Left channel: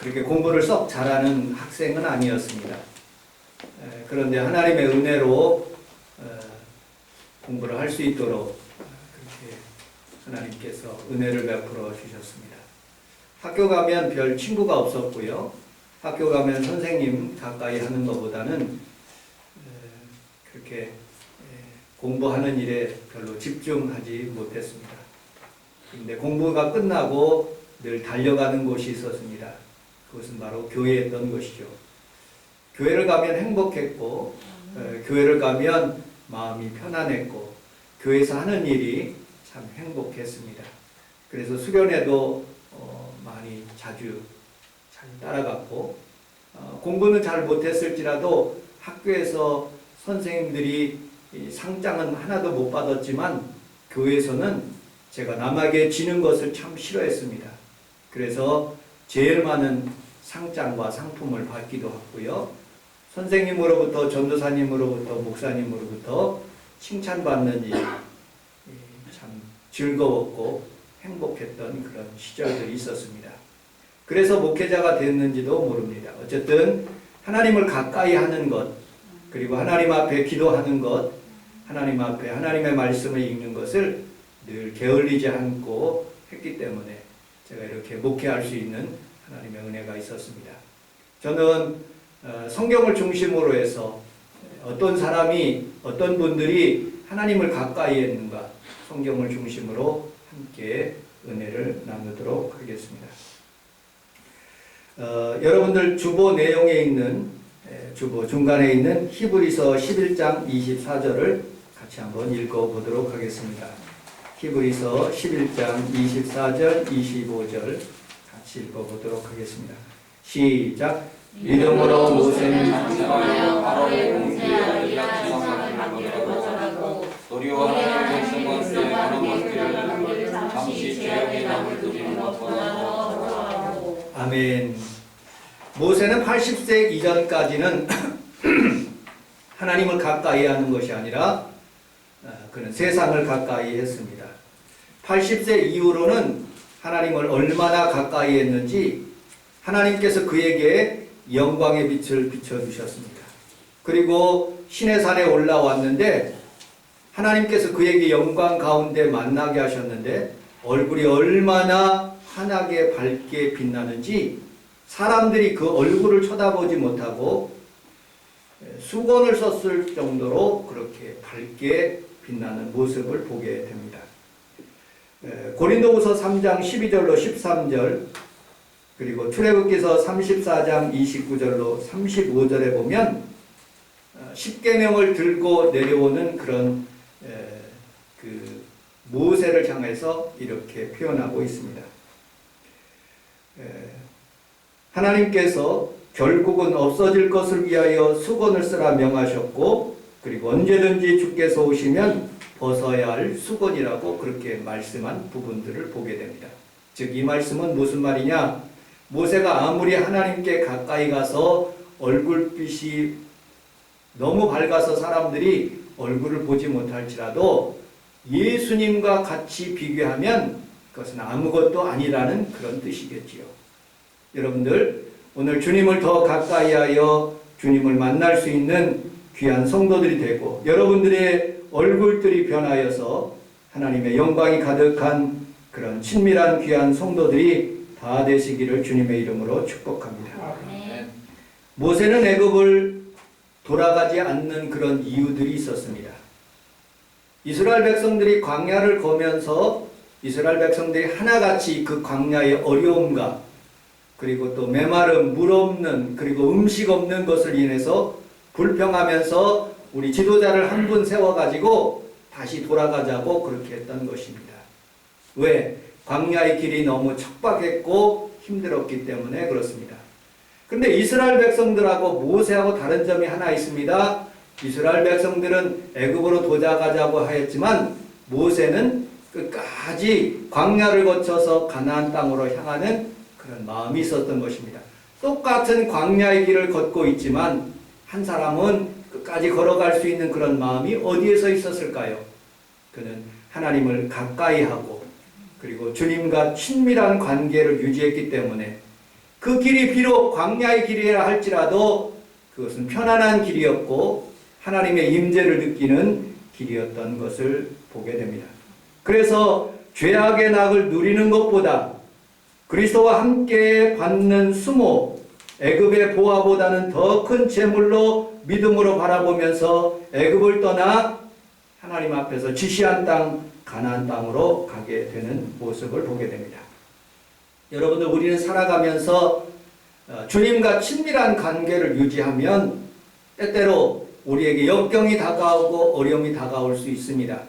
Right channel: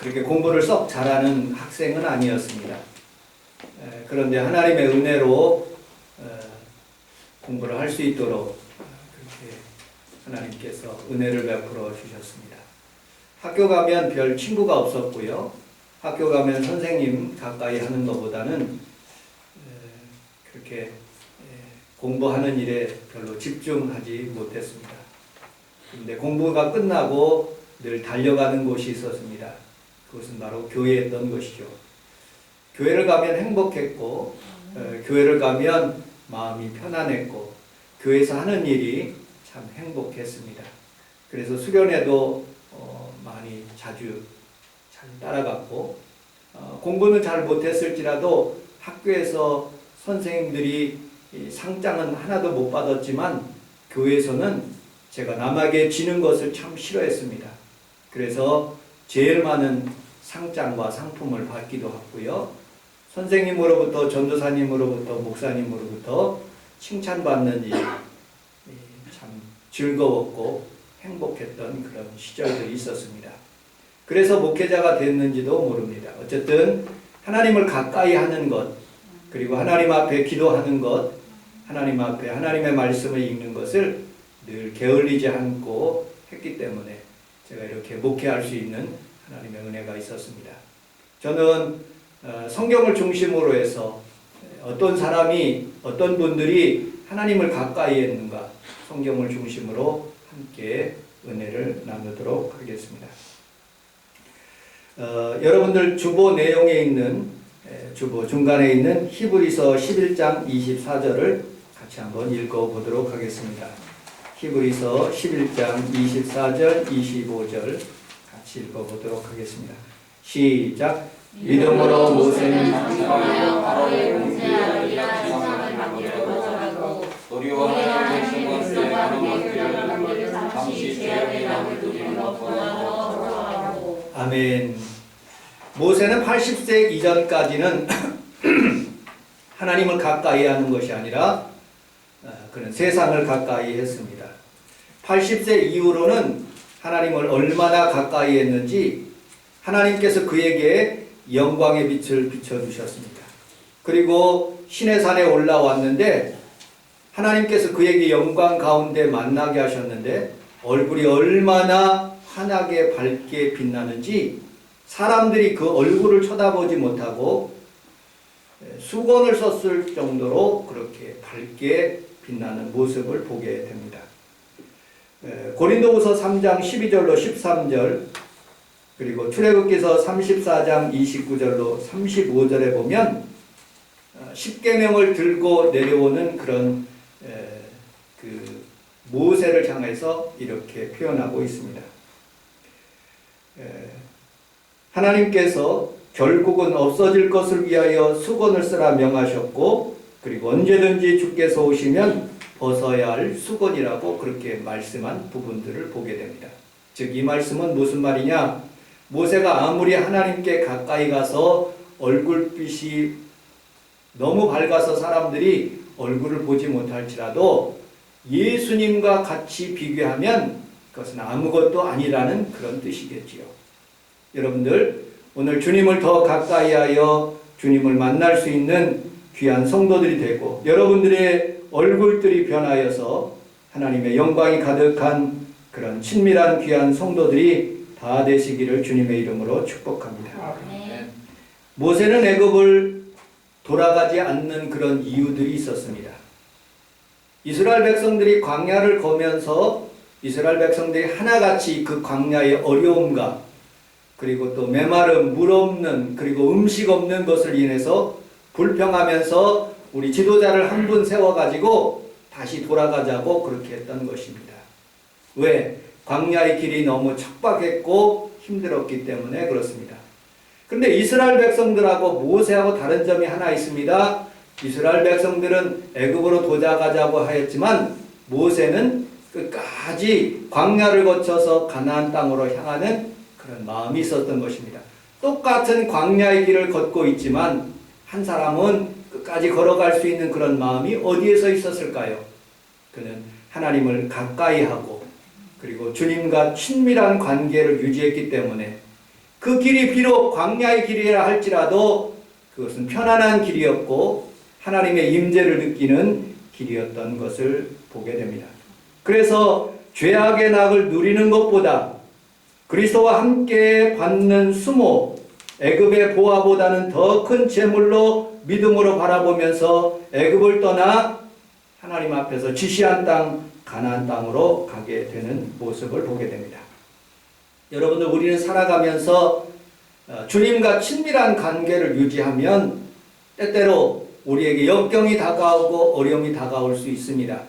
그렇게 공부를 썩 잘하는 학생은 아니었습니다. 그런데 하나님의 은혜로 공부를 할 수 있도록 그렇게 하나님께서 은혜를 베풀어 주셨습니다. 학교 가면 별 친구가 없었고요. 학교 가면 선생님 가까이 하는 것보다는 그렇게 공부하는 일에 별로 집중하지 못했습니다. 그런데 공부가 끝나고 늘 달려가는 곳이 있었습니다. 그것은 바로 교회였던 것이죠. 교회를 가면 행복했고, 교회를 가면 마음이 편안했고, 교회에서 하는 일이 참 행복했습니다. 그래서 수련회도 많이 자주 잘 따라갔고, 공부는 잘 못했을지라도 학교에서 선생님들이 상장은 하나도 못 받았지만 교회에서는 제가 남에게 지는 것을 참 싫어했습니다. 그래서 제일 많은 상장과 상품을 받기도 했고요. 선생님으로부터, 전도사님으로부터, 목사님으로부터 칭찬받는 일이 참 즐거웠고 행복했던 그런 시절들이 있었습니다. 그래서 목회자가 됐는지도 모릅니다. 어쨌든 하나님을 가까이 하는 것, 그리고 하나님 앞에 기도하는 것, 하나님 앞에 하나님의 말씀을 읽는 것을 늘 게을리지 않고 했기 때문에 제가 이렇게 목회할 수 있는 하나님의 은혜가 있었습니다. 저는 성경을 중심으로 해서 어떤 사람이, 어떤 분들이 하나님을 가까이 했는가, 성경을 중심으로 함께 은혜를 나누도록 하겠습니다. 여러분들 주보 내용에 있는, 주보 중간에 있는 히브리서 11장 24절을 같이 한번 읽어보도록 하겠습니다. 히브리서 11장 24절, 25절 같이 읽어보도록 하겠습니다. 시작. 믿음으로 모세는 장사하여 바로의 공세하여 일한 세상을 만들고 거절하고 도리와 하나님의 백성과 함께 잠시 죄악의 남을 두리는 것보다 더하고. 아멘. 모세는 80세 이전까지는 하나님을 가까이 하는 것이 아니라 그는 세상을 가까이 했습니다. 80세 이후로는 하나님을 얼마나 가까이 했는지 하나님께서 그에게 영광의 빛을 비춰주셨습니다. 그리고 시내산에 올라왔는데 하나님께서 그에게 영광 가운데 만나게 하셨는데 얼굴이 얼마나 환하게 밝게 빛나는지 사람들이 그 얼굴을 쳐다보지 못하고 수건을 썼을 정도로 그렇게 밝게 빛나는 모습을 보게 됩니다. 고린도후서 3장 12절로 13절 그리고 출애굽기서 34장 29절로 35절에 보면 십계명을 들고 내려오는 그런 그 모세를 향해서 이렇게 표현하고 있습니다. 하나님께서 결국은 없어질 것을 위하여 수건을 쓰라 명하셨고 그리고 언제든지 주께서 오시면 벗어야 할 수건이라고 그렇게 말씀한 부분들을 보게 됩니다. 즉 이 말씀은 무슨 말이냐? 모세가 아무리 하나님께 가까이 가서 얼굴빛이 너무 밝아서 사람들이 얼굴을 보지 못할지라도 예수님과 같이 비교하면 그것은 아무것도 아니라는 그런 뜻이겠지요. 여러분들 오늘 주님을 더 가까이 하여 주님을 만날 수 있는 귀한 성도들이 되고 여러분들의 얼굴들이 변하여서 하나님의 영광이 가득한 그런 친밀한 귀한 성도들이 다 되시기를 주님의 이름으로 축복합니다. 모세는 애굽을 돌아가지 않는 그런 이유들이 있었습니다. 이스라엘 백성들이 광야를 거면서 이스라엘 백성들이 하나같이 그 광야의 어려움과 그리고 또 메마름, 물 없는 그리고 음식 없는 것을 인해서 불평하면서 우리 지도자를 한 분 세워가지고 다시 돌아가자고 그렇게 했던 것입니다. 왜? 광야의 길이 너무 척박했고 힘들었기 때문에 그렇습니다. 그런데 이스라엘 백성들하고 모세하고 다른 점이 하나 있습니다. 이스라엘 백성들은 애굽으로 도자가자고 하였지만 모세는 끝까지 광야를 거쳐서 가나안 땅으로 향하는 그런 마음이 있었던 것입니다. 똑같은 광야의 길을 걷고 있지만 한 사람은 끝까지 걸어갈 수 있는 그런 마음이 어디에서 있었을까요? 그는 하나님을 가까이 하고 그리고 주님과 친밀한 관계를 유지했기 때문에 그 길이 비록 광야의 길이라 할지라도 그것은 편안한 길이었고 하나님의 임재를 느끼는 길이었던 것을 보게 됩니다. 그래서 죄악의 낙을 누리는 것보다 그리스도와 함께 받는 수모, 애굽의 보화보다는 더 큰 재물로 믿음으로 바라보면서 애굽을 떠나 하나님 앞에서 지시한 땅 가나안 땅으로 가게 되는 모습을 보게 됩니다. 여러분들, 우리는 살아가면서 주님과 친밀한 관계를 유지하면 때때로 우리에게 역경이 다가오고 어려움이 다가올 수 있습니다.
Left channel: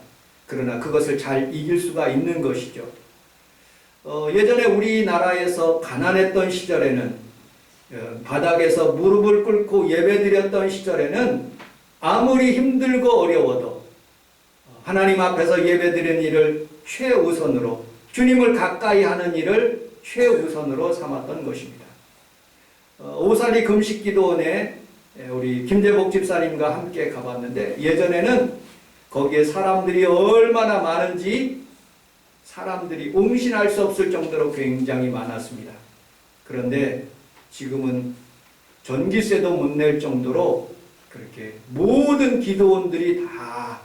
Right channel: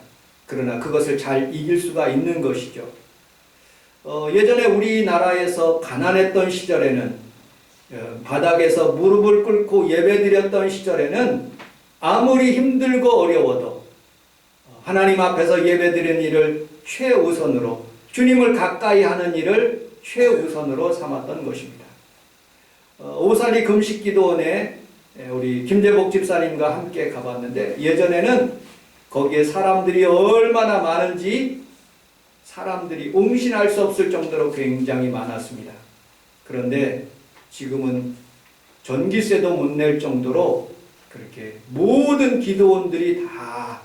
그러나 그것을 잘 이길 수가 있는 것이죠. 예전에 우리나라에서 가난했던 시절에는 바닥에서 무릎을 꿇고 예배드렸던 시절에는 아무리 힘들고 어려워도 하나님 앞에서 예배드리는 일을 최우선으로, 주님을 가까이 하는 일을 최우선으로 삼았던 것입니다. 오살리 금식기도원에 우리 김재복 집사님과 함께 가봤는데 예전에는 거기에 사람들이 얼마나 많은지 사람들이 응신할 수 없을 정도로 굉장히 많았습니다. 그런데 지금은 전기세도 못 낼 정도로 그렇게 모든 기도원들이 다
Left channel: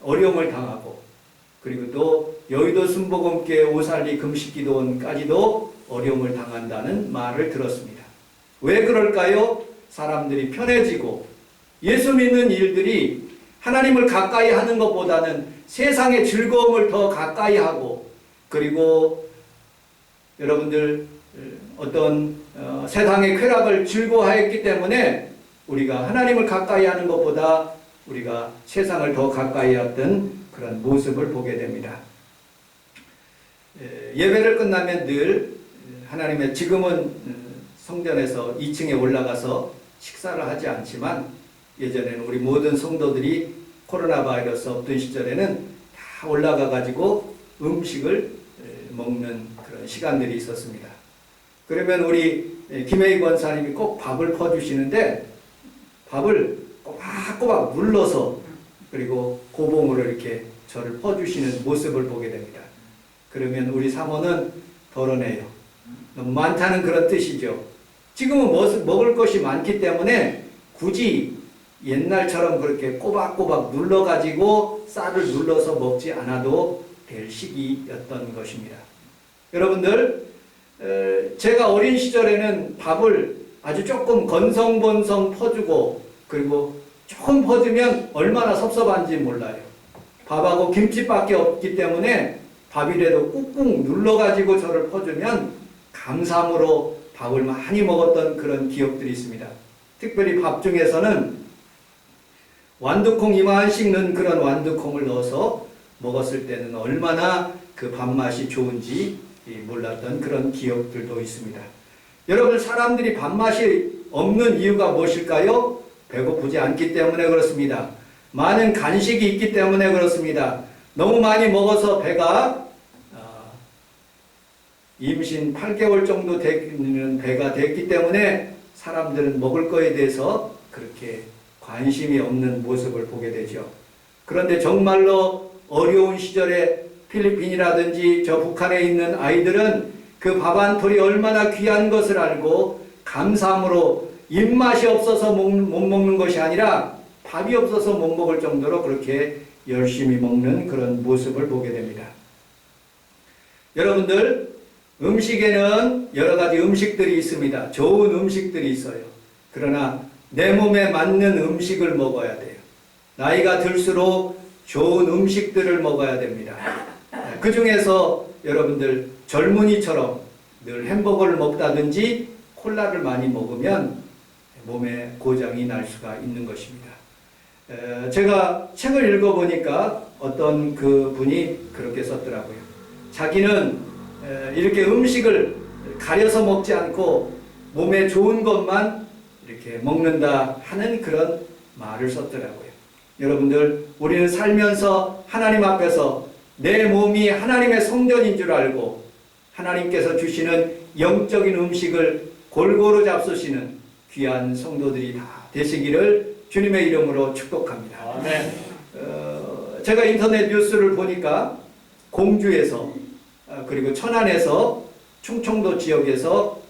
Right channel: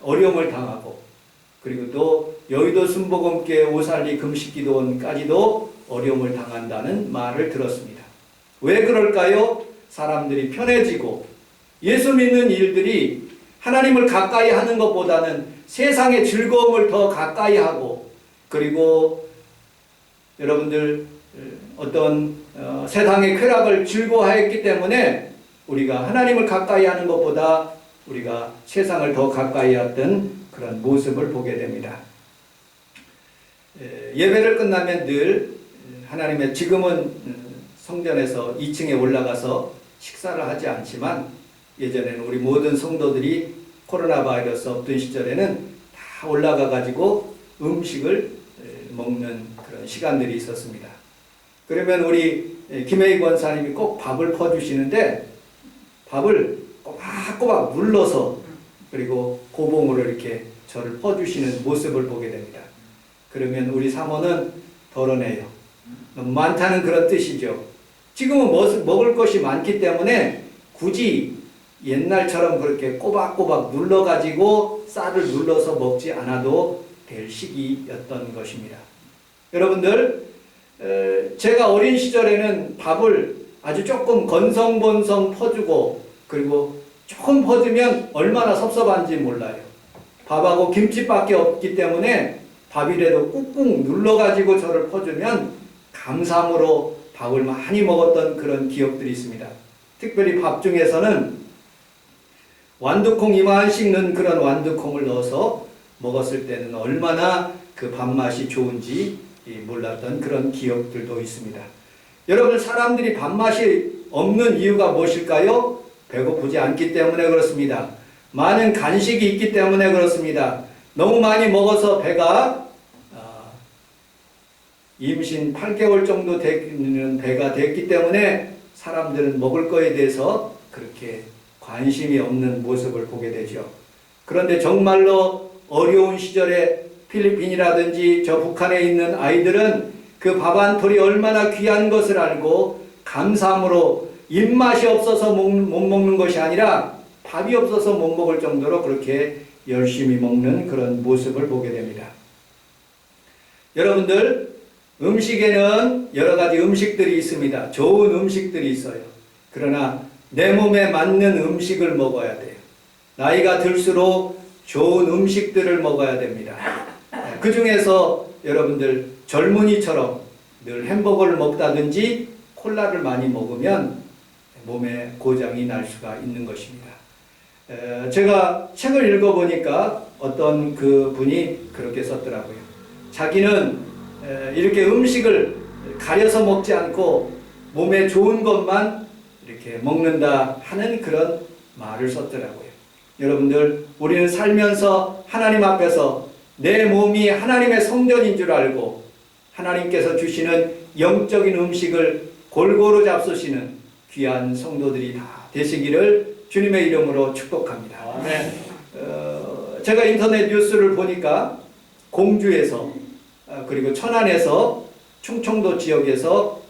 어려움을 당하고, 그리고 또 여의도 순복음교회 오살리 금식기도원까지도 어려움을 당한다는 말을 들었습니다. 왜 그럴까요? 사람들이 편해지고 예수 믿는 일들이 하나님을 가까이 하는 것보다는 세상의 즐거움을 더 가까이 하고, 그리고 여러분들 어떤 세상의 쾌락을 즐거워했기 때문에 우리가 하나님을 가까이 하는 것보다 우리가 세상을 더 가까이 했던 그런 모습을 보게 됩니다. 예배를 끝나면 늘 하나님의, 지금은 성전에서 2층에 올라가서 식사를 하지 않지만 예전에는 우리 모든 성도들이 코로나 바이러스 없던 시절에는 다 올라가 가지고 음식을 먹는 그런 시간들이 있었습니다. 그러면 우리 김혜희 권사님이 꼭 밥을 퍼주시는데 밥을 꼬박꼬박 눌러서 그리고 고봉으로 이렇게 저를 퍼주시는 모습을 보게 됩니다. 그러면 우리 사모는 덜어내요. 너무 많다는 그런 뜻이죠. 지금은 먹을 것이 많기 때문에 굳이 옛날처럼 그렇게 꼬박꼬박 눌러가지고 쌀을 눌러서 먹지 않아도 될 시기였던 것입니다. 여러분들, 제가 어린 시절에는 밥을 아주 조금 건성건성 퍼주고, 그리고 조금 퍼주면 얼마나 섭섭한지 몰라요. 밥하고 김치밖에 없기 때문에 밥이라도 꾹꾹 눌러가지고 저를 퍼주면 감사함으로 밥을 많이 먹었던 그런 기억들이 있습니다. 특별히 밥 중에서는 완두콩 이만씩 넣은 그런 완두콩을 넣어서 먹었을 때는 얼마나 그 밥맛이 좋은지 몰랐던 그런 기억들도 있습니다. 여러분, 사람들이 밥맛이 없는 이유가 무엇일까요? 배고프지 않기 때문에 그렇습니다. 많은 간식이 있기 때문에 그렇습니다. 너무 많이 먹어서 배가 임신 8개월 정도 되는 배가 됐기 때문에 사람들은 먹을 거에 대해서 그렇게 관심이 없는 모습을 보게 되죠. 그런데 정말로 어려운 시절에 필리핀이라든지 저 북한에 있는 아이들은 그 밥 한 톨이 얼마나 귀한 것을 알고 감사함으로 입맛이 없어서 못 먹는 것이 아니라 밥이 없어서 못 먹을 정도로 그렇게 열심히 먹는 그런 모습을 보게 됩니다. 여러분들, 음식에는 여러 가지 음식들이 있습니다. 좋은 음식들이 있어요. 그러나 내 몸에 맞는 음식을 먹어야 돼요. 나이가 들수록 좋은 음식들을 먹어야 됩니다. 그 중에서 여러분들 젊은이처럼 늘 햄버거를 먹다든지 콜라를 많이 먹으면 몸에 고장이 날 수가 있는 것입니다. 제가 책을 읽어보니까 어떤 그 분이 그렇게 썼더라고요. 자기는 이렇게 음식을 가려서 먹지 않고 몸에 좋은 것만 이렇게 먹는다 하는 그런 말을 썼더라고요. 여러분들, 우리는 살면서 하나님 앞에서 내 몸이 하나님의 성전인 줄 알고 하나님께서 주시는 영적인 음식을 골고루 잡수시는 귀한 성도들이 다 되시기를 주님의 이름으로 축복합니다. 아멘. 제가 인터넷 뉴스를 보니까 공주에서 그리고 천안에서 충청도 지역에서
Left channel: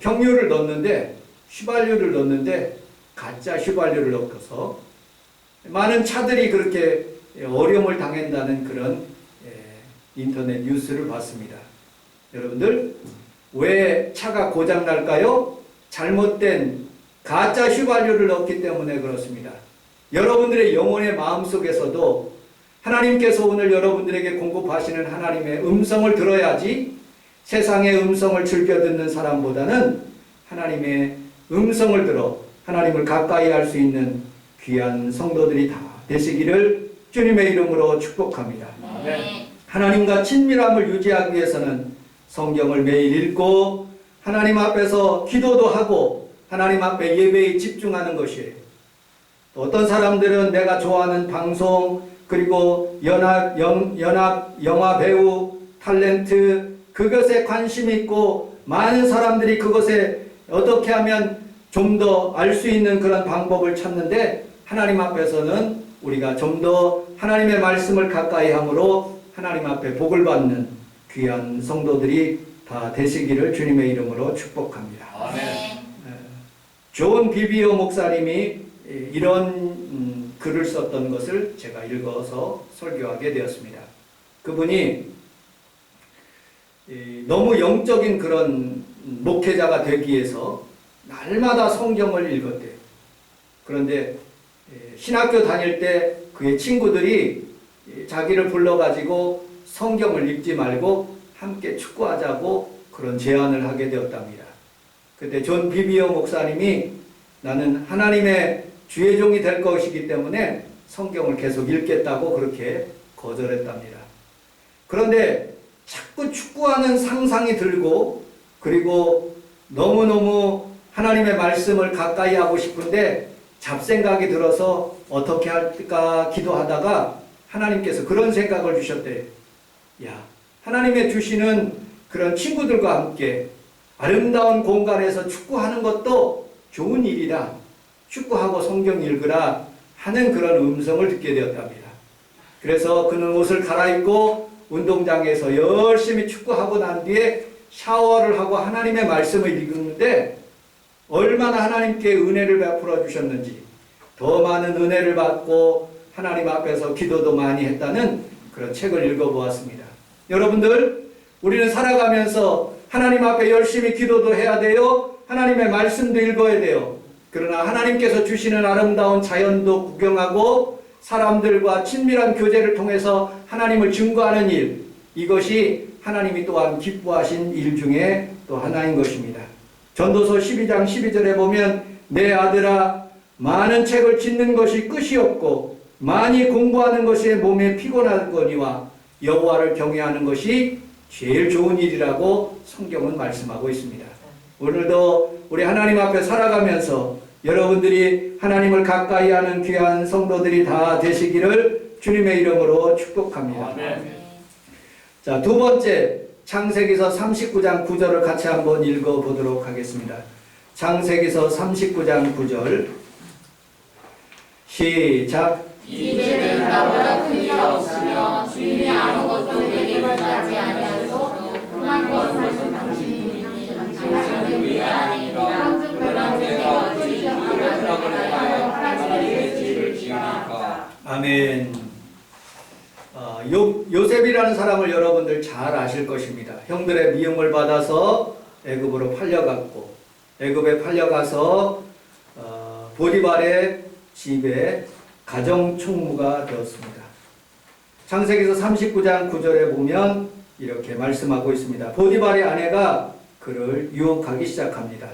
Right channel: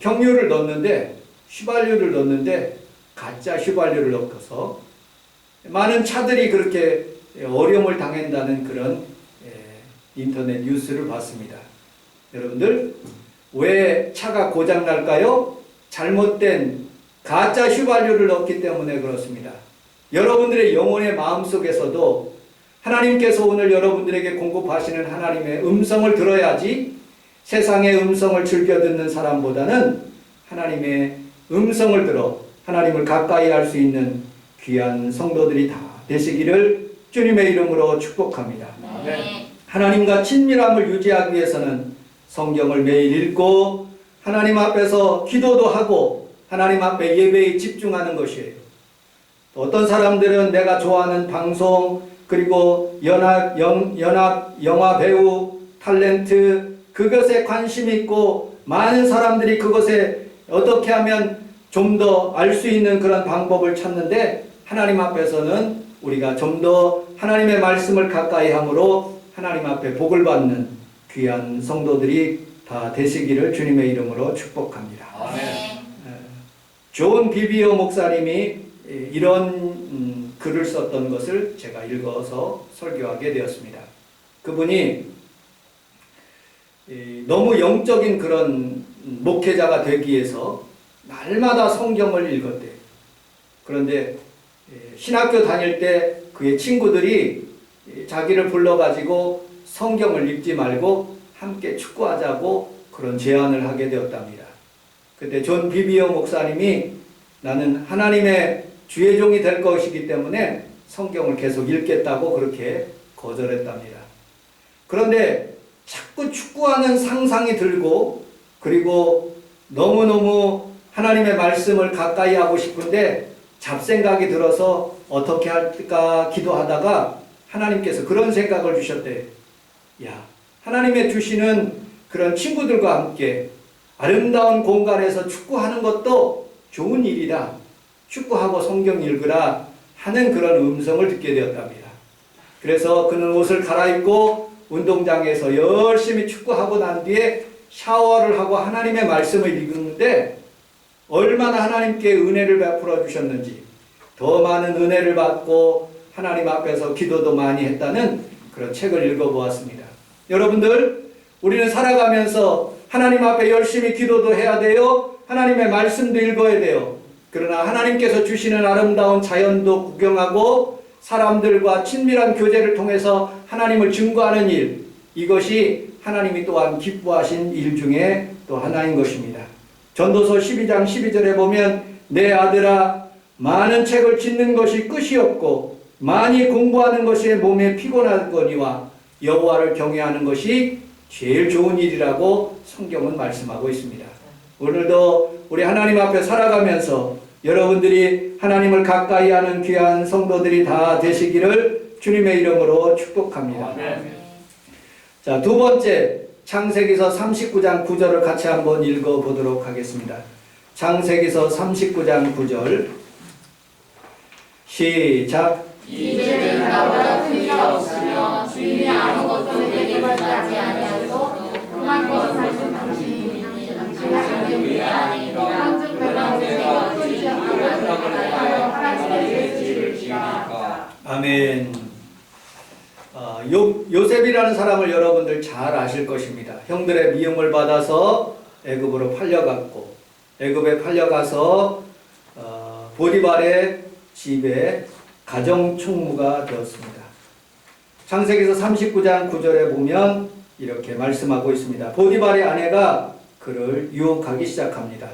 경유를 넣는데 휘발유를 넣는데 가짜 휘발유를 넣어서 많은 차들이 그렇게 어려움을 당한다는 그런 인터넷 뉴스를 봤습니다. 여러분들 왜 차가 고장 날까요? 잘못된 가짜 휘발유를 넣기 때문에 그렇습니다. 여러분들의 영혼의 마음속에서도 하나님께서 오늘 여러분들에게 공급하시는 하나님의 음성을 들어야지 세상의 음성을 즐겨 듣는 사람보다는 하나님의 음성을 들어 하나님을 가까이 할 수 있는 귀한 성도들이 다 되시기를 주님의 이름으로 축복합니다. 네. 하나님과 친밀함을 유지하기 위해서는 성경을 매일 읽고 하나님 앞에서 기도도 하고 하나님 앞에 예배에 집중하는 것이에요. 또 어떤 사람들은 내가 좋아하는 방송 그리고 연합 영화 배우 탤런트 그것에 관심이 있고 많은 사람들이 그것에 어떻게 하면 좀 더 알 수 있는 그런 방법을 찾는데 하나님 앞에서는 우리가 좀 더 하나님의 말씀을 가까이 함으로 하나님 앞에 복을 받는 귀한 성도들이 다 되시기를 주님의 이름으로 축복합니다. 아멘. 존 비비오 목사님이 이런 글을 썼던 것을 제가 읽어서 설교하게 되었습니다. 그분이 너무 영적인 그런 목회자가 되기 위해서 날마다 성경을 읽었대요. 그런데 신학교 다닐 때 그의 친구들이 자기를 불러가지고 성경을 읽지 말고 함께 축구하자고 그런 제안을 하게 되었답니다. 그때 존 비비오 목사님이 나는 하나님의 주의 종이 될 것이기 때문에 성경을 계속 읽겠다고 그렇게 거절했답니다. 그런데 자꾸 축구하는 상상이 들고 그리고 너무너무 하나님의 말씀을 가까이 하고 싶은데 잡생각이 들어서 어떻게 할까 기도하다가 하나님께서 그런 생각을 주셨대요. 야, 하나님의 주시는 그런 친구들과 함께 아름다운 공간에서 축구하는 것도 좋은 일이다. 축구하고 성경 읽으라 하는 그런 음성을 듣게 되었답니다. 그래서 그는 옷을 갈아입고 운동장에서 열심히 축구하고 난 뒤에 샤워를 하고 하나님의 말씀을 읽는데 얼마나 하나님께 은혜를 베풀어 주셨는지 더 많은 은혜를 받고 하나님 앞에서 기도도 많이 했다는 그런 책을 읽어보았습니다. 여러분들 우리는 살아가면서 하나님 앞에 열심히 기도도 해야 돼요. 하나님의 말씀도 읽어야 돼요. 그러나 하나님께서 주시는 아름다운 자연도 구경하고 사람들과 친밀한 교제를 통해서 하나님을 증거하는 일, 이것이 하나님이 또한 기뻐하신 일 중에 또 하나인 것입니다. 전도서 12장 12절에 보면 내 아들아 많은 책을 짓는 것이 끝이 없고 많이 공부하는 것이 몸에 피곤하거니와 여호와를 경외하는 것이 제일 좋은 일이라고 성경은 말씀하고 있습니다. 오늘도 우리 하나님 앞에 살아가면서 여러분들이 하나님을 가까이 하는 귀한 성도들이 다 되시기를 주님의 이름으로 축복합니다. 자, 두 번째 창세기서 39장 9절을 같이 한번 읽어보도록 하겠습니다. 창세기서 39장 9절 시작. 이제는 나보다 큰 이가 없으며 주인이 아무것도 내게 말하지 아니하고 그만 것을 당신이 당신을 위해 아니라 그런 내가 어찌 하나님을 하나님의 집을 지으니까. 아멘. 요셉이라는 사람을 여러분들 잘 아실 것입니다. 형들의 미움을 받아서 애굽으로 팔려갔고 애굽에 팔려가서 보디발의 집에 가정총무가 되었습니다. 창세기서 39장 9절에 보면 이렇게 말씀하고 있습니다. 보디발의 아내가 그를 유혹하기 시작합니다.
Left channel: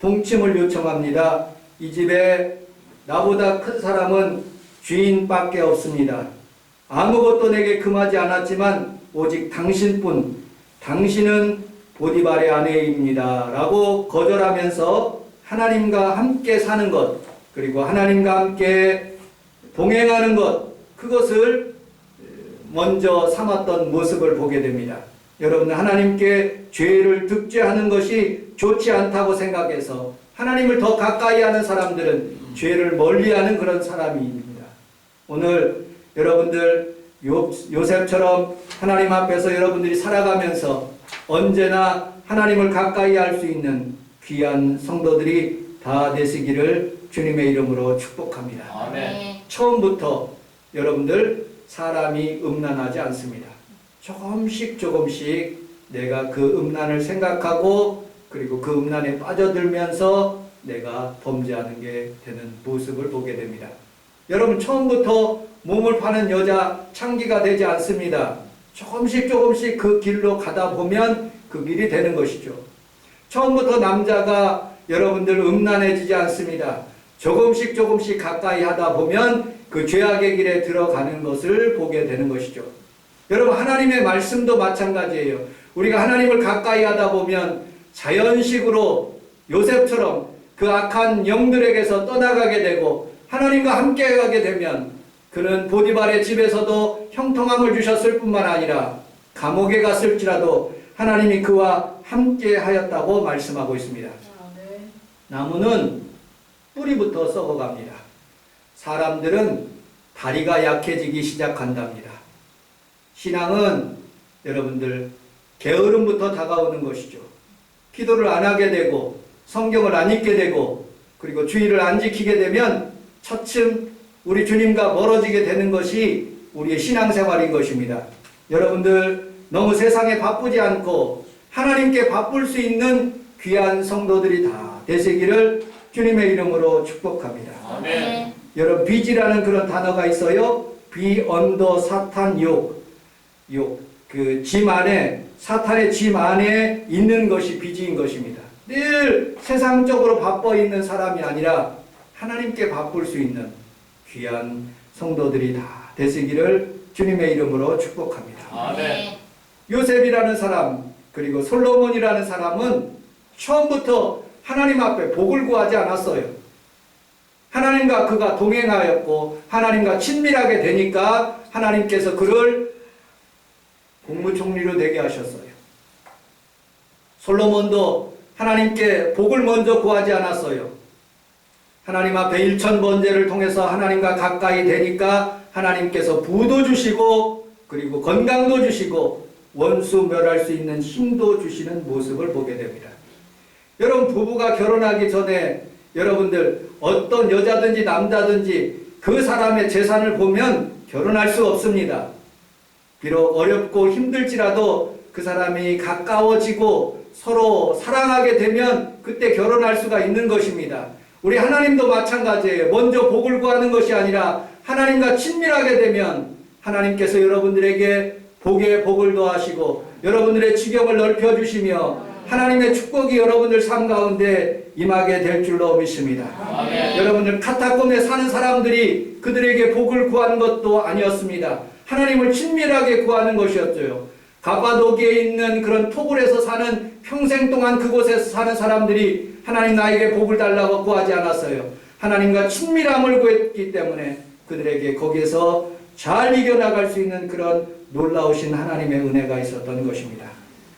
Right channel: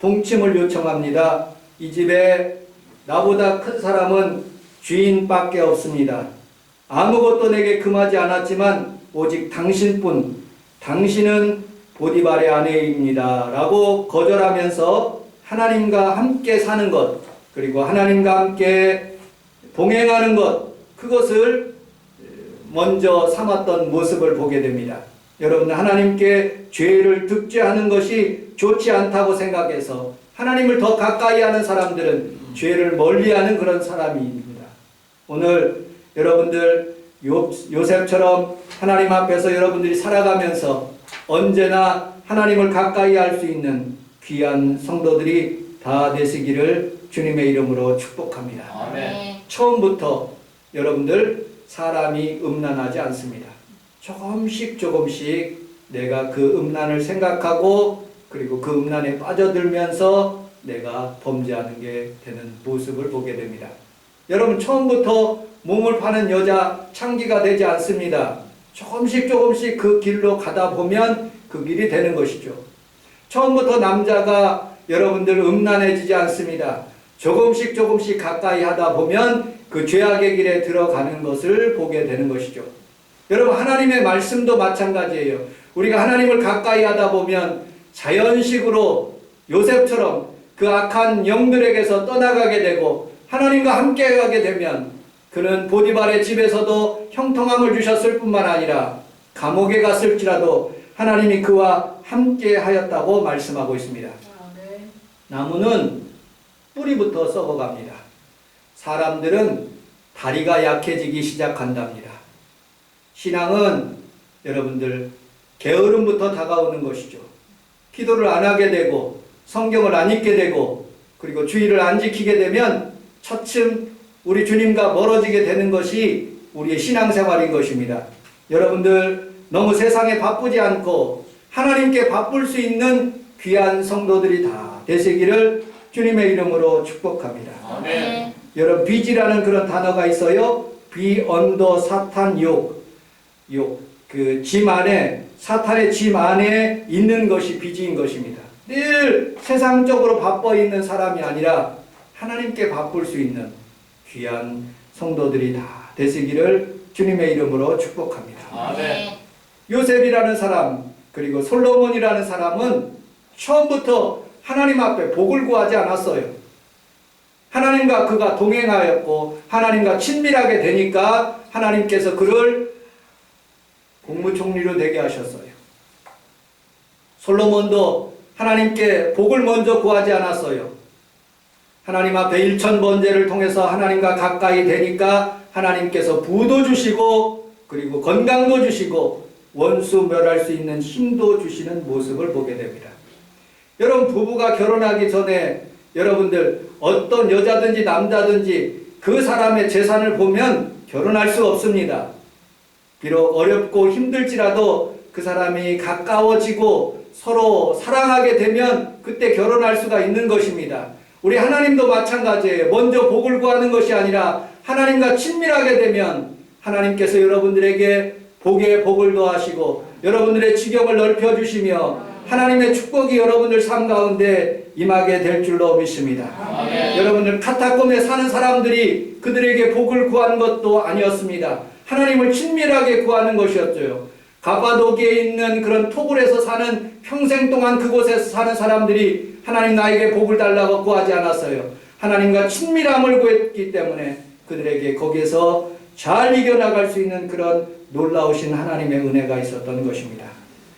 동침을 요청합니다. 이 집에 나보다 큰 사람은 주인밖에 없습니다. 아무것도 내게 금하지 않았지만 오직 당신뿐, 당신은 보디발의 아내입니다. 라고 거절하면서 하나님과 함께 사는 것, 그리고 하나님과 함께 동행하는 것, 그것을 먼저 삼았던 모습을 보게 됩니다. 여러분, 하나님께 죄를 득죄하는 것이 좋지 않다고 생각해서 하나님을 더 가까이 하는 사람들은 죄를 멀리하는 그런 사람입니다. 오늘 여러분들 요셉처럼 하나님 앞에서 여러분들이 살아가면서 언제나 하나님을 가까이 할 수 있는 귀한 성도들이 다 되시기를 주님의 이름으로 축복합니다. 아멘. 처음부터 여러분들 사람이 음란하지 않습니다. 조금씩 내가 그 음란을 생각하고 그리고 그 음란에 빠져들면서 내가 범죄하는 게 되는 모습을 보게 됩니다. 여러분 처음부터 몸을 파는 여자 창기가 되지 않습니다. 조금씩 그 길로 가다 보면 그 길이 되는 것이죠. 처음부터 남자가 여러분들 음란해지지 않습니다. 조금씩 가까이 하다 보면 그 죄악의 길에 들어가는 것을 보게 되는 것이죠. 여러분 하나님의 말씀도 마찬가지예요. 우리가 하나님을 가까이 하다 보면 자연식으로 요셉처럼 그 악한 영들에게서 떠나가게 되고 하나님과 함께 가게 되면 그는 보디발의 집에서도 형통함을 주셨을 뿐만 아니라 감옥에 갔을지라도 하나님이 그와 함께 하였다고 말씀하고 있습니다. 나무는 뿌리부터 썩어갑니다. 사람들은 다리가 약해지기 시작한답니다. 신앙은 여러분들 게으름부터 다가오는 것이죠. 기도를 안 하게 되고 성경을 안 읽게 되고 그리고 주의를 안 지키게 되면 차츰 우리 주님과 멀어지게 되는 것이 우리의 신앙생활인 것입니다. 여러분들 너무 세상에 바쁘지 않고 하나님께 바쁠 수 있는 귀한 성도들이 다 되시기를 주님의 이름으로 축복합니다. 아멘. 여러분 빚이라는 그런 단어가 있어요. 비 언더 사탄 그 짐 안에 사탄의 짐 안에 있는 것이 빚인 것입니다. 늘 세상적으로 바빠 있는 사람이 아니라 하나님께 바쁠 수 있는 귀한 성도들이 다 되시기를 주님의 이름으로 축복합니다. 아멘. 요셉이라는 사람 그리고 솔로몬이라는 사람은 처음부터 하나님 앞에 복을 구하지 않았어요. 하나님과 그가 동행하였고 하나님과 친밀하게 되니까 하나님께서 그를 국무총리로 되게 하셨어요. 솔로몬도 하나님께 복을 먼저 구하지 않았어요. 하나님 앞에 일천번제를 통해서 하나님과 가까이 되니까 하나님께서 부도 주시고 그리고 건강도 주시고 원수 멸할 수 있는 힘도 주시는 모습을 보게 됩니다. 여러분 부부가 결혼하기 전에 여러분들 어떤 여자든지 남자든지 그 사람의 재산을 보면 결혼할 수 없습니다. 비록 어렵고 힘들지라도 그 사람이 가까워지고 서로 사랑하게 되면 그때 결혼할 수가 있는 것입니다. 우리 하나님도 마찬가지예요. 먼저 복을 구하는 것이 아니라 하나님과 친밀하게 되면 하나님께서 여러분들에게 복에 복을 더하시고 여러분들의 지경을 넓혀주시며 하나님의 축복이 여러분들 삶 가운데 임하게 될 줄로 믿습니다. 아멘. 여러분들 카타콤에 사는 사람들이 그들에게 복을 구하는 것도 아니었습니다. 하나님을 친밀하게 구하는 것이었죠. 가파도기에 있는 그런 토굴에서 사는 평생 동안 그곳에서 사는 사람들이 하나님 나에게 복을 달라고 구하지 않았어요. 하나님과 친밀함을 구했기 때문에 그들에게 거기에서 잘 이겨나갈 수 있는 그런 놀라우신 하나님의 은혜가 있었던 것입니다.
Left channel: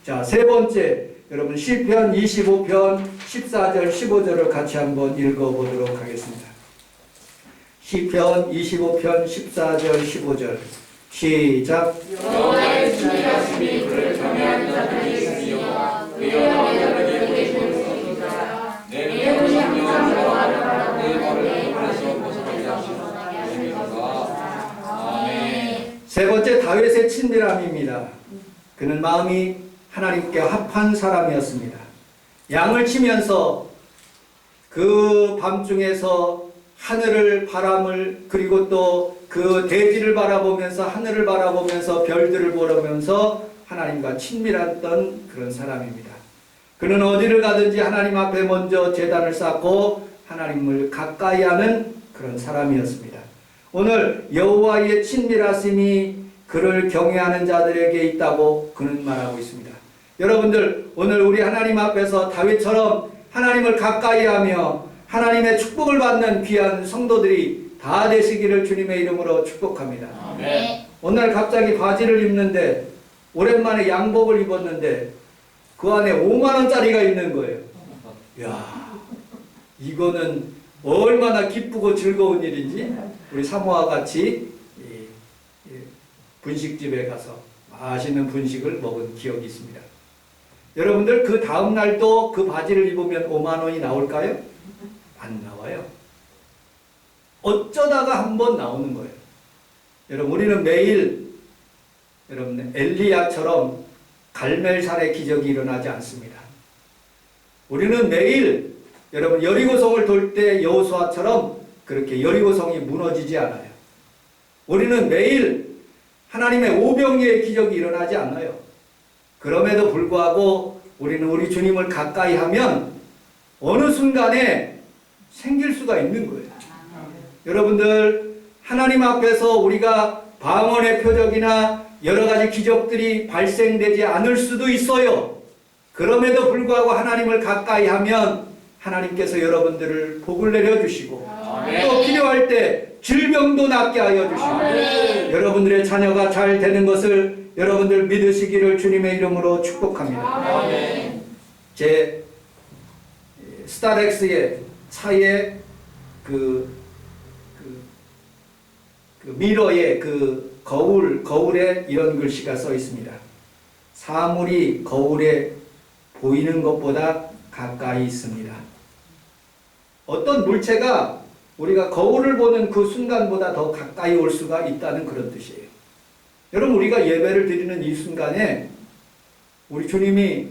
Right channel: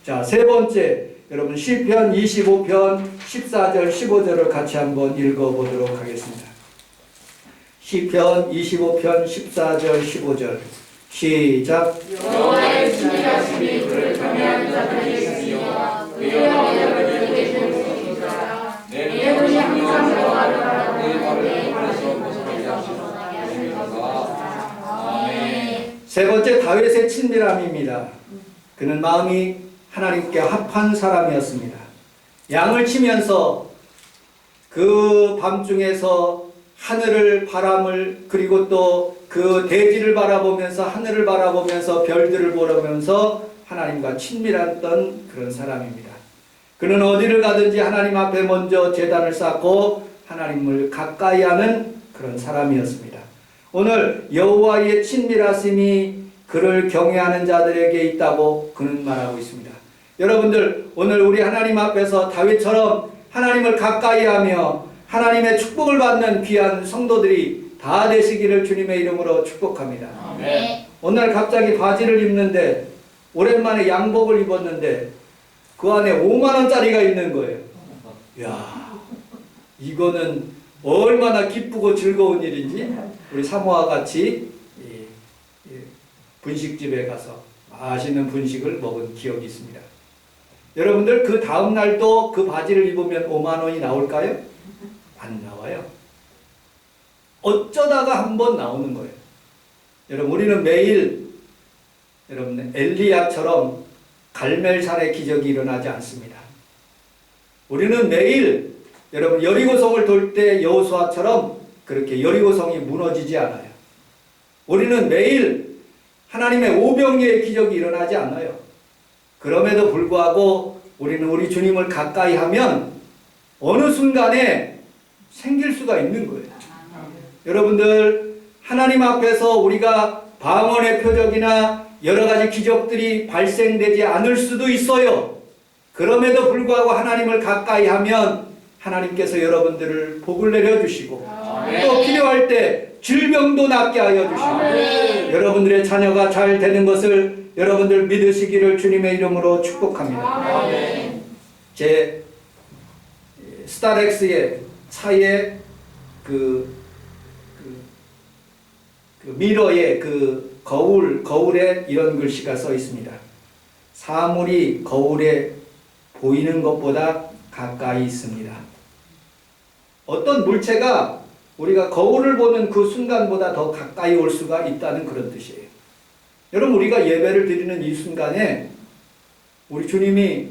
자, 세 번째, 여러분 시편 25편 14절 15절을 같이 한번 읽어보도록 하겠습니다. 시편 25편 14절 15절 시작. 여호와의 친밀하심이 그를 경외하는 자들에게 있으며 그의 영광을 주시리라. 내 눈이 항상 여호와를 바라보고 내 발에서 벗어나지 않으시리라. 아멘. 세 번째 다윗의 친밀함입니다. 그는 마음이 하나님께 합한 사람이었습니다. 양을 치면서 그 밤중에서 하늘을 바람을 그리고 또 그 대지를 바라보면서 하늘을 바라보면서 별들을 보면서 하나님과 친밀했던 그런 사람입니다. 그는 어디를 가든지 하나님 앞에 먼저 제단을 쌓고 하나님을 가까이 하는 그런 사람이었습니다. 오늘 여호와의 친밀하심이 그를 경외하는 자들에게 있다고 그는 말하고 있습니다. 여러분들 오늘 우리 하나님 앞에서 다윗처럼 하나님을 가까이 하며 하나님의 축복을 받는 귀한 성도들이 다 되시기를 주님의 이름으로 축복합니다. 아멘. 오늘 갑자기 바지를 입는데 오랜만에 양복을 입었는데 그 안에 5만 원짜리가 있는 거예요. 야, 이거는 얼마나 기쁘고 즐거운 일인지 우리 사모와 같이 분식집에 가서 맛있는 분식을 먹은 기억이 있습니다. 여러분들 그 다음 날도 그 바지를 입으면 5만 원이 나올까요? 안 나와요. 어쩌다가 한번 나오는 거예요. 여러분 우리는 매일 여러분 엘리야처럼 갈멜산의 기적이 일어나지 않습니다. 우리는 매일 여러분 여리고성을 돌 때 여호수아처럼 그렇게 여리고성이 무너지지 않아요. 우리는 매일 하나님의 오병이의 기적이 일어나지 않아요. 그럼에도 불구하고 우리는 우리 주님을 가까이 하면 어느 순간에 생길 수가 있는 거예요. 여러분들 하나님 앞에서 우리가 방언의 표적이나 여러 가지 기적들이 발생되지 않을 수도 있어요. 그럼에도 불구하고 하나님을 가까이 하면 하나님께서 여러분들을 복을 내려주시고 또 필요할 때 질병도 낫게 하여 주시고 여러분들의 자녀가 잘 되는 것을 여러분들 믿으시기를 주님의 이름으로 축복합니다. 제 스타렉스의 차에 그 미러에 그 거울에 이런 글씨가 써 있습니다. 사물이 거울에 보이는 것보다 가까이 있습니다. 어떤 물체가 우리가 거울을 보는 그 순간보다 더 가까이 올 수가 있다는 그런 뜻이에요. 여러분 우리가 예배를 드리는 이 순간에 우리 주님이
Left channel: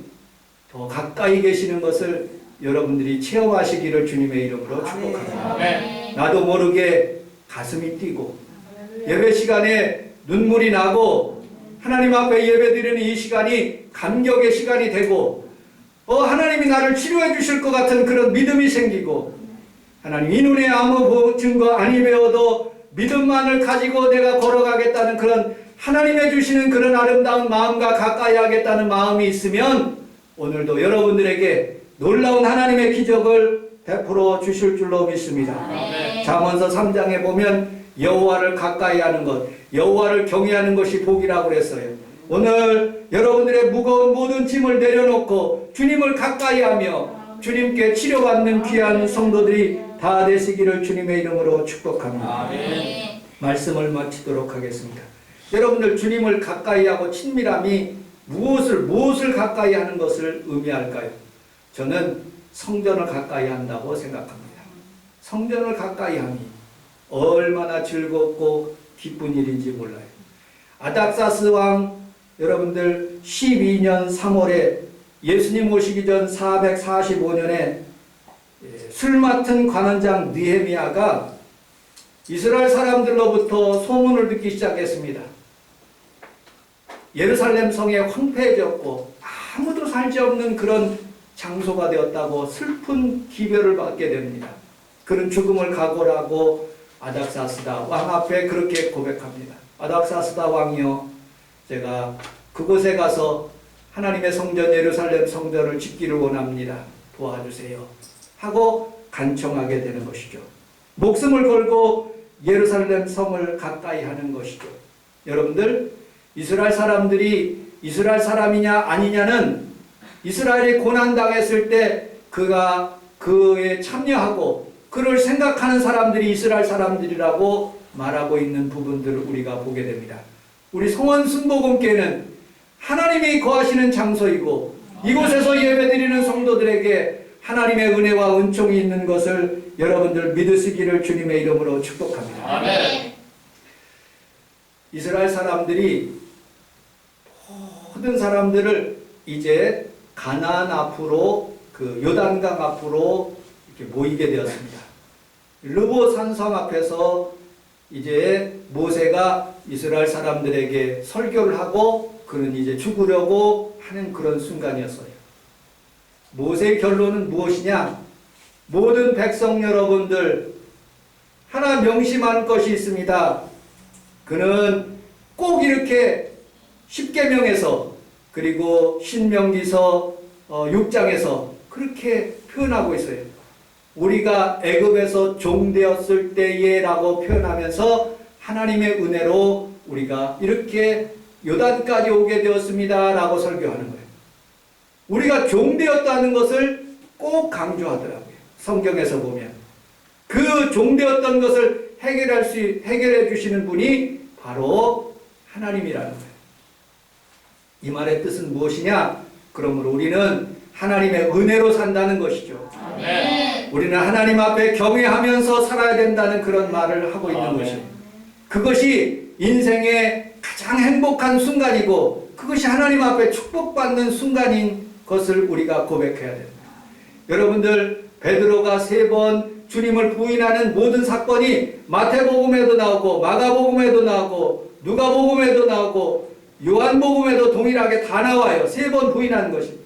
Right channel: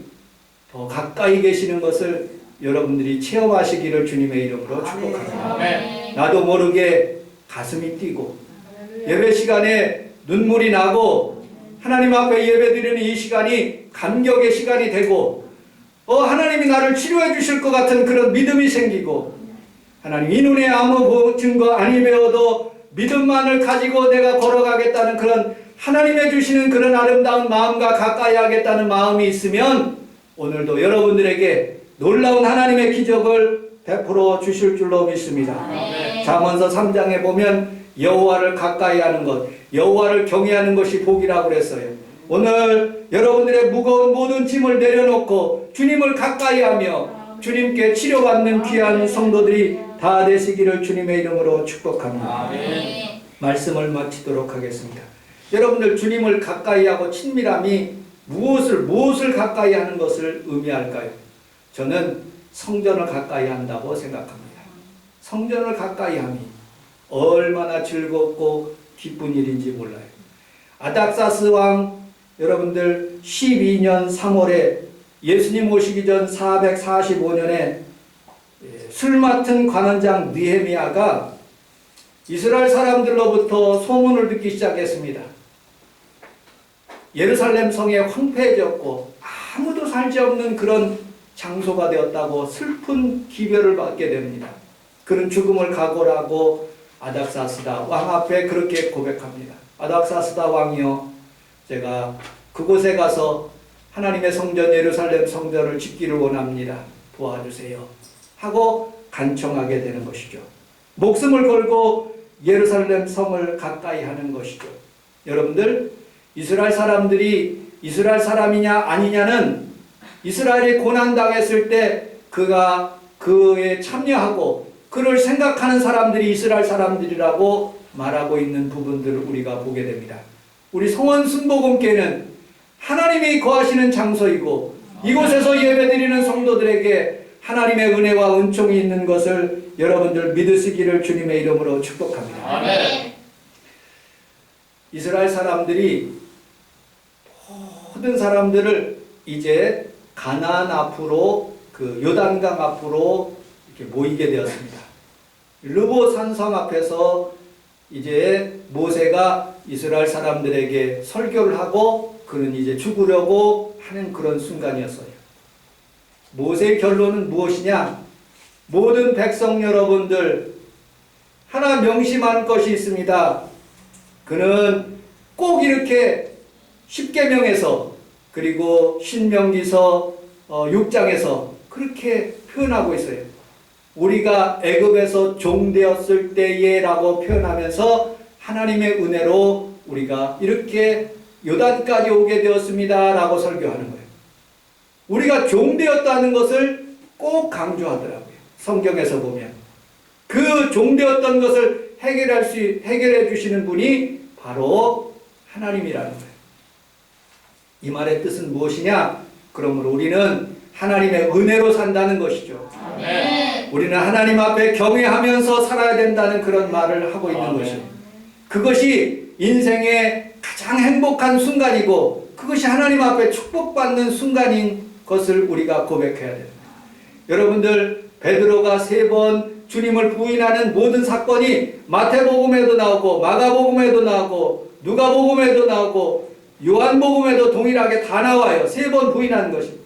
더 가까이 계시는 것을 여러분들이 체험하시기를 주님의 이름으로 축복합니다. 나도 모르게 가슴이 뛰고 예배 시간에 눈물이 나고 하나님 앞에 예배 드리는 이 시간이 감격의 시간이 되고 하나님이 나를 치료해 주실 것 같은 그런 믿음이 생기고 하나님 이 눈에 아무 증거 아니 배워도 믿음만을 가지고 내가 걸어가겠다는 그런 하나님의 주시는 그런 아름다운 마음과 가까이 하겠다는 마음이 있으면 오늘도 여러분들에게 놀라운 하나님의 기적을 베풀어 주실 줄로 믿습니다. 잠언서 3장에 보면 여호와를 가까이 하는 것, 여호와를 경외하는 것이 복이라고 그랬어요. 오늘 여러분들의 무거운 모든 짐을 내려놓고 주님을 가까이 하며 주님께 치료받는 귀한 성도들이 다 되시기를 주님의 이름으로 축복합니다. 말씀을 마치도록 하겠습니다. 여러분들 주님을 가까이 하고 친밀함이 무엇을 가까이 하는 것을 의미할까요? 저는 성전을 가까이 한다고 생각합니다. 성전을 가까이 함이 얼마나 즐겁고 기쁜 일인지 몰라요. 아닥사스 왕 여러분들 12년 3월에 예수님 오시기 전 445년에 술 맡은 관원장 느헤미야가 이스라엘 사람들로부터 소문을 듣기 시작했습니다. 예루살렘 성에 황폐해졌고 아무도 살지 없는 그런 장소가 되었다고 슬픈 기별을 받게 됩니다. 그는 죽음을 각오하고 아닥사스다 왕 앞에 그렇게 고백합니다. 아닥사스다 왕이여, 제가 그곳에 가서 하나님의 성전 예루살렘 성전을 짓기를 원합니다. 도와주세요 하고 간청하게 되는 것이죠. 목숨을 걸고 예루살렘 성을 가까이 하는 것이죠. 여러분들 이스라엘 사람들이 이스라엘 사람이냐 아니냐는 이스라엘이 고난당했을 때 그가 그에 참여하고 그를 생각하는 사람들이 이스라엘 사람들이라고 말하고 있는 부분들을 우리가 보게 됩니다. 우리 성원 순복음교회는 하나님이 거하시는 장소이고 이곳에서 예배드리는 성도들에게 하나님의 은혜와 은총이 있는 것을 여러분들 믿으시기를 주님의 이름으로 축복합니다. 아멘. 이스라엘 사람들이 모든 사람들을 이제 가나안 앞으로 그 요단강 앞으로 이렇게 모이게 되었습니다. 르보 산성 앞에서 이제 모세가 이스라엘 사람들에게 설교를 하고 그는 이제 죽으려고 하는 그런 순간이었어요. 모세의 결론은 무엇이냐? 모든 백성 여러분들 하나 명심할 것이 있습니다. 그는 꼭 이렇게 십계명에서 그리고 신명기서 6장에서 그렇게 표현하고 있어요. 우리가 애굽에서 종되었을 때에 라고 표현하면서 하나님의 은혜로 우리가 이렇게 요단까지 오게 되었습니다 라고 설교하는 거예요. 우리가 종되었다는 것을 꼭 강조하더라고요. 성경에서 보면 그 종되었던 것을 해결해 주시는 분이 바로 하나님이라는 거예요. 이 말의 뜻은 무엇이냐? 그러므로 우리는 하나님의 은혜로 산다는 것이죠. 아멘. 우리는 하나님 앞에 경외하면서 살아야 된다는 그런 말을 하고 있는 아멘. 것이에요. 그것이 인생의 가장 행복한 순간이고 그것이 하나님 앞에 축복받는 순간인 것을 우리가 고백해야 됩니다. 여러분들, 베드로가 3번 주님을 부인하는 모든 사건이 마태복음에도 나오고 마가복음에도 나오고 누가복음에도 나오고 요한복음에도 동일하게 다 나와요. 3번 부인하는 것이.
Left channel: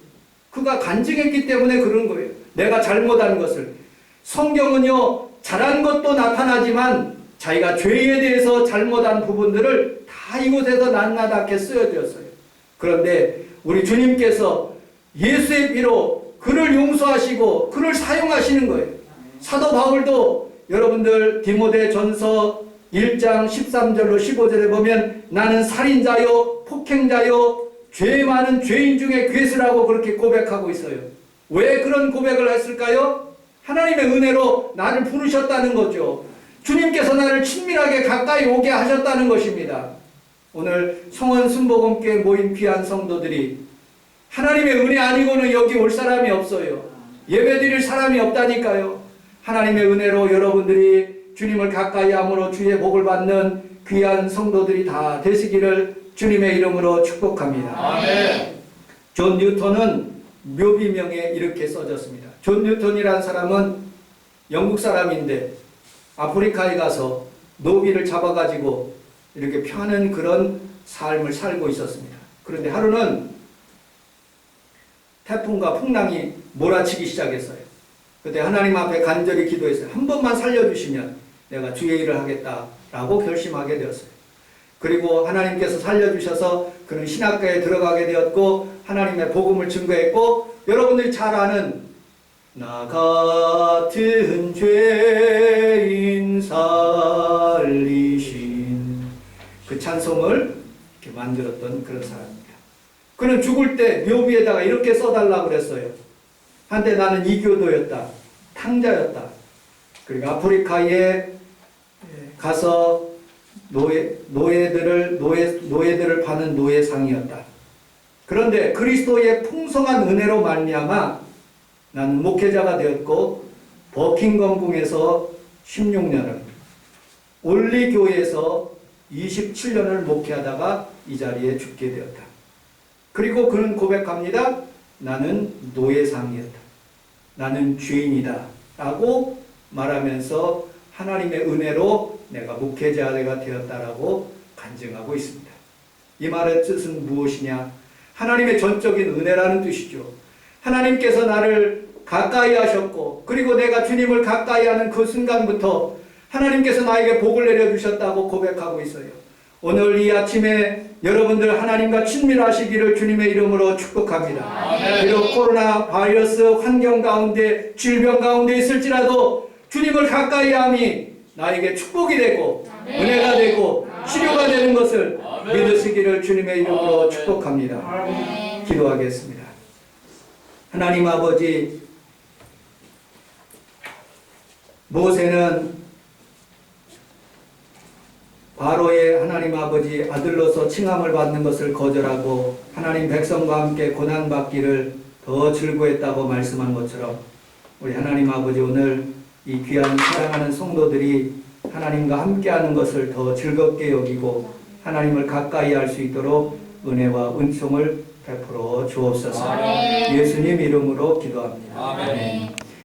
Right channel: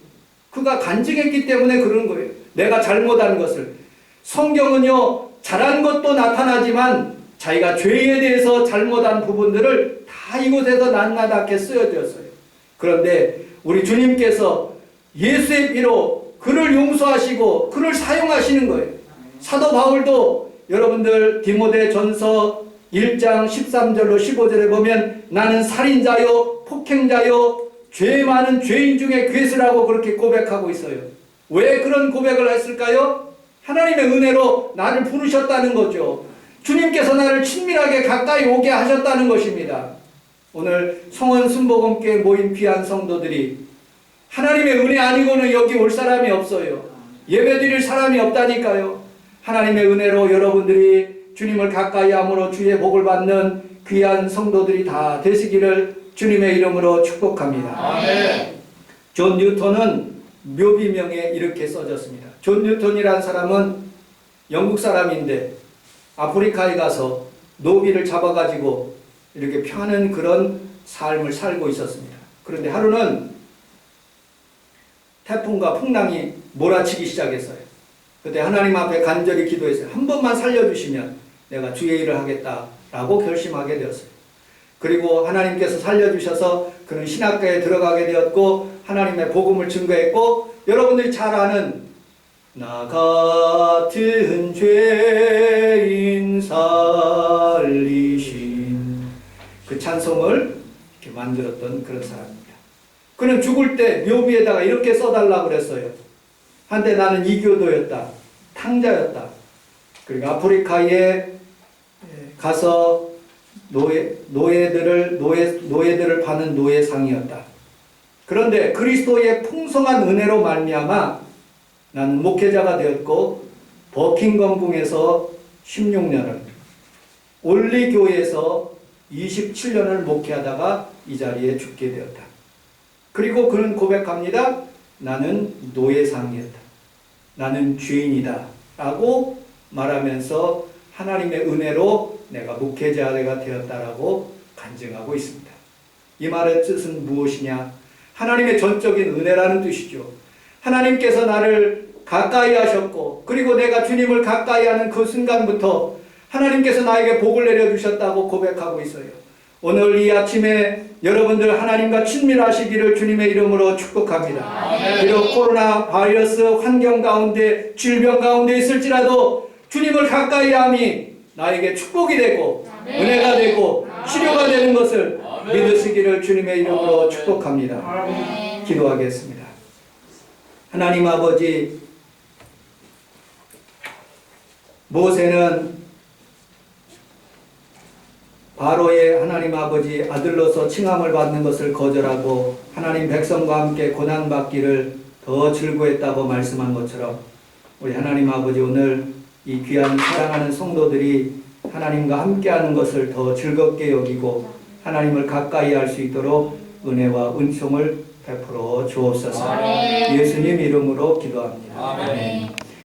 그가 간증했기 때문에 그런 거예요. 내가 잘못한 것을. 성경은요, 잘한 것도 나타나지만 자기가 죄에 대해서 잘못한 부분들을 다 이곳에서 낱낱하게 쓰여졌어요. 그런데 우리 주님께서 예수의 피로 그를 용서하시고 그를 사용하시는 거예요. 사도 바울도 여러분들 디모데 전서 1장 13절로 15절에 보면 나는 살인자요 폭행자요 죄 많은 죄인 중에 괴수라고 그렇게 고백하고 있어요. 왜 그런 고백을 했을까요? 하나님의 은혜로 나를 부르셨다는 거죠. 주님께서 나를 친밀하게 가까이 오게 하셨다는 것입니다. 오늘 성원 순복음교회 모인 귀한 성도들이 하나님의 은혜 아니고는 여기 올 사람이 없어요. 예배드릴 사람이 없다니까요. 하나님의 은혜로 여러분들이 주님을 가까이 함으로 주의 복을 받는 귀한 성도들이 다 되시기를 주님의 이름으로 축복합니다. 아멘. 존 뉴턴은 묘비명에 이렇게 써졌습니다. 존 뉴턴이라는 사람은 영국 사람인데 아프리카에 가서 노비를 잡아가지고 이렇게 펴는 그런 삶을 살고 있었습니다. 그런데 하루는 태풍과 풍랑이 몰아치기 시작했어요. 그때 하나님 앞에 간절히 기도했어요. 한 번만 살려주시면 내가 주의 일을 하겠다라고 결심하게 되었어요. 그리고 하나님께서 살려주셔서 그는 신학교에 들어가게 되었고 하나님의 복음을 증거했고 여러분들이 잘 아는 나 같은 죄인 살리신 그 찬송을 이렇게 만들었던 그런 사람입니다. 그는 죽을 때 묘비에다가 이렇게 써달라고 그랬어요. 한때 나는 이교도였다. 탕자였다. 그리고 아프리카에 가서 노예들을 파는 노예상이었다. 그런데 그리스도의 풍성한 은혜로 말미암아 나는 목회자가 되었고 버킹엄궁에서 16년을 올리교회에서 27년을 목회하다가 이 자리에 죽게 되었다. 그리고 그는 고백합니다. 나는 노예상이었다. 나는 죄인이다. 라고 말하면서 하나님의 은혜로 내가 목회자가 되었다라고 간증하고 있습니다. 이 말의 뜻은 무엇이냐? 하나님의 전적인 은혜라는 뜻이죠. 하나님께서 나를 가까이 하셨고 그리고 내가 주님을 가까이 하는 그 순간부터 하나님께서 나에게 복을 내려주셨다고 고백하고 있어요. 오늘 이 아침에 여러분들 하나님과 친밀하시기를 주님의 이름으로 축복합니다. 비록 코로나 바이러스 환경 가운데 질병 가운데 있을지라도 주님을 가까이 함이 나에게 축복이 되고 은혜가 되고 치료가 되는 것을 믿으시기를 주님의 이름으로 축복합니다. 기도하겠습니다. 하나님 아버지, 모세는 바로의 하나님 아버지 아들로서 칭함을 받는 것을 거절하고 하나님 백성과 함께 고난받기를 더 즐거워했다고 말씀한 것처럼 우리 하나님 아버지 오늘 이 귀한 사랑하는 성도들이 하나님과 함께하는 것을 더 즐겁게 여기고 하나님을 가까이 할 수 있도록 은혜와 은총을 베풀어 주옵소서. 예수님 이름으로 기도합니다. 아멘.